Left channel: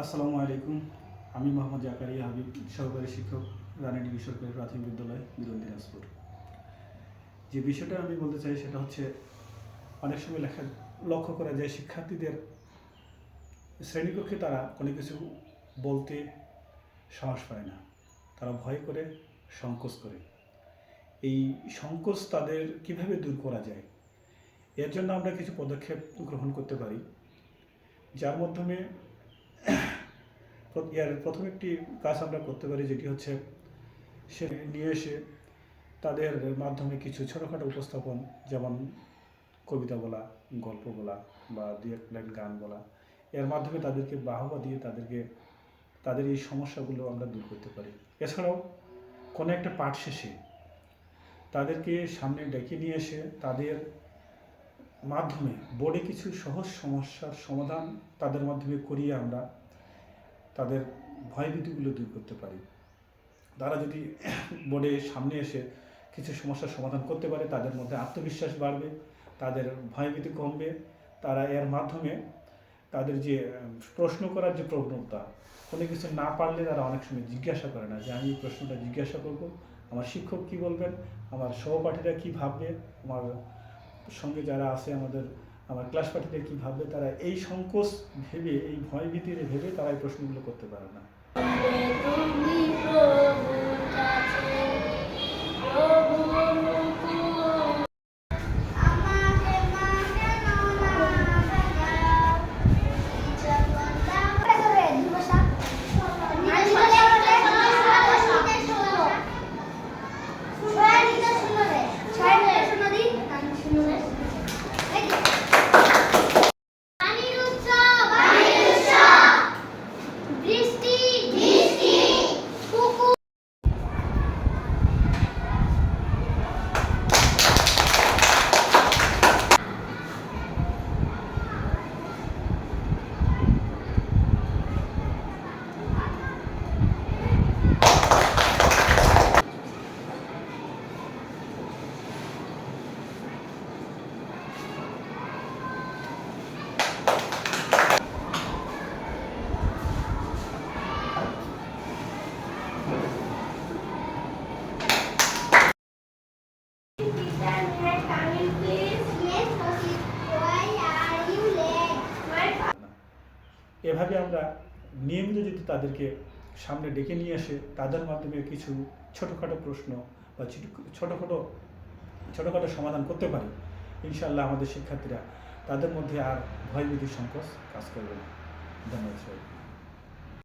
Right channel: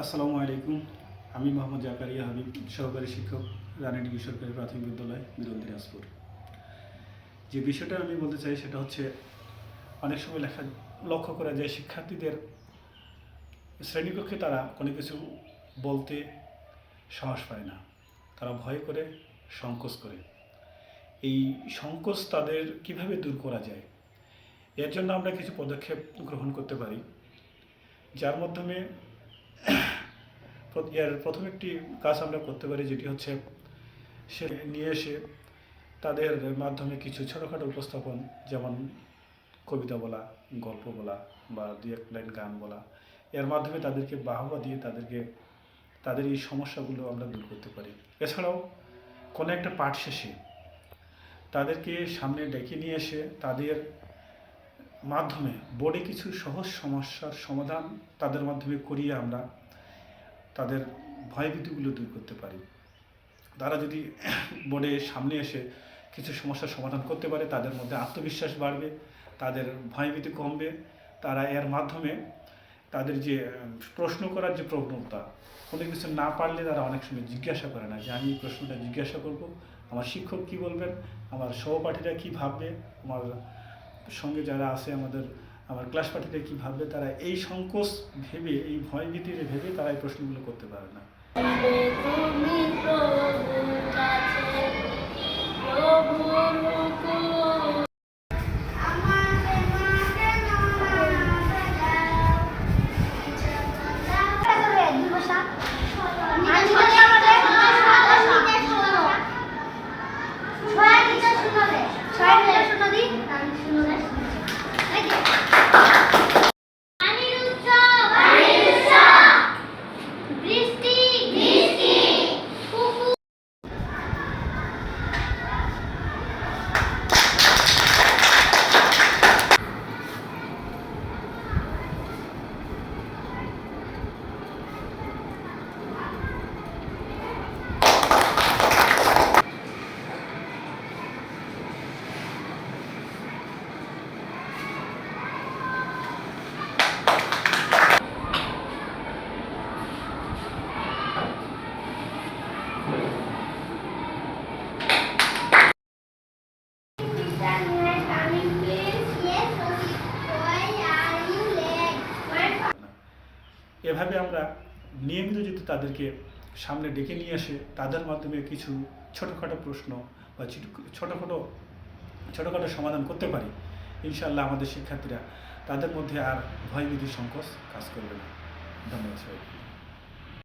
আসসালামু আলাইকুম। আমি মোহাম্মদ জাকারিয়া হাবিব, সহকারী শিক্ষক রানাডি বেসরকারি প্রাথমিক বিদ্যালয় বিরল দিনাজপুর। যে বিষয়টা আমি বলতে চাই সেটা হচ্ছে, অনেক সময় লেখা, লক্ষ্য করা যায় শিক্ষার্থীদের শ্রেণীকক্ষে তারা কোনো কিছু বলতে সাহস পায় না। তারা ভয় করে, সংকোচ করে। এই সংকোচ তাদের কীভাবে দূর করা যায়? এর জন্য আমরা কিছু পদক্ষেপ গ্রহণ করতে পারি। যার মাধ্যমে এর প্রথম একটি কাজ আমরা করতে পারি যেটি হচ্ছে সে নিয়ে এসে তাদের মাধ্যমে কিছু ছোটোখাটো উপস্থাপন, যেমন কবিতা বলা, গল্প বলা বা দু এক লাইন গান বলা। এর মাধ্যমে তাদেরকে বাহবা দিয়ে তাদেরকে, তাদের এই সমস্যাগুলো আমরা দূর করতে পারি। এছাড়াও কোনো একটা পাঠ শেষে তাদেরকে সামনে ডেকে নিয়ে এসে তাদের মাধ্যমে বোর্ডে কিছু সহজ সমস্যার সমাধান তাদের মাধ্যমে করিয়ে আমরা তাদের ভয়ভীতিগুলো দূর করতে পারি। তারা যদি বোর্ডে সামনে এসে কিছু সমস্যার সমাধান করতে পারে, তাদের মধ্যে আত্মবিশ্বাস বাড়বে, তাদের ভয়ভীতি কমবে। তারা এর মাধ্যমে তাদের যে, প্রশ্ন করার যে প্রবণতা, কোনো কিছু না পারলে তারা অনেক সময় জিজ্ঞাসা করে না যে, আমি এই প্রশ্নটা জিজ্ঞাসা করব। আমার শিক্ষক কি বলবেন? আমার সহপাঠীরা কি ভাববে? আমার সঙ্গে যারা আছে আমাদের আমার ক্লাস পার্টিতে কী ভাববে, তারা এই সংকোচ ভেবে, এই ভয় ভীতিরে ভেবে তারা এই প্রশ্নগুলো করতে পারে না। এভাবে আমরা নিয়মিত যদি তাদেরকে সামনে ডেকে নিয়ে আসে, তাদের মাধ্যমে কিছু ছোটোখাটো প্রশ্ন বা ছোটো- ছোটোখাটো ছোটোখাটো সমাধান করতে পারি ইনশাল্লাহ আমাদের শিক্ষার্থীরা তাদের মধ্যে আর ভয়ভীতি সংকোচ কাজ করবে না। ধন্যবাদ সবাই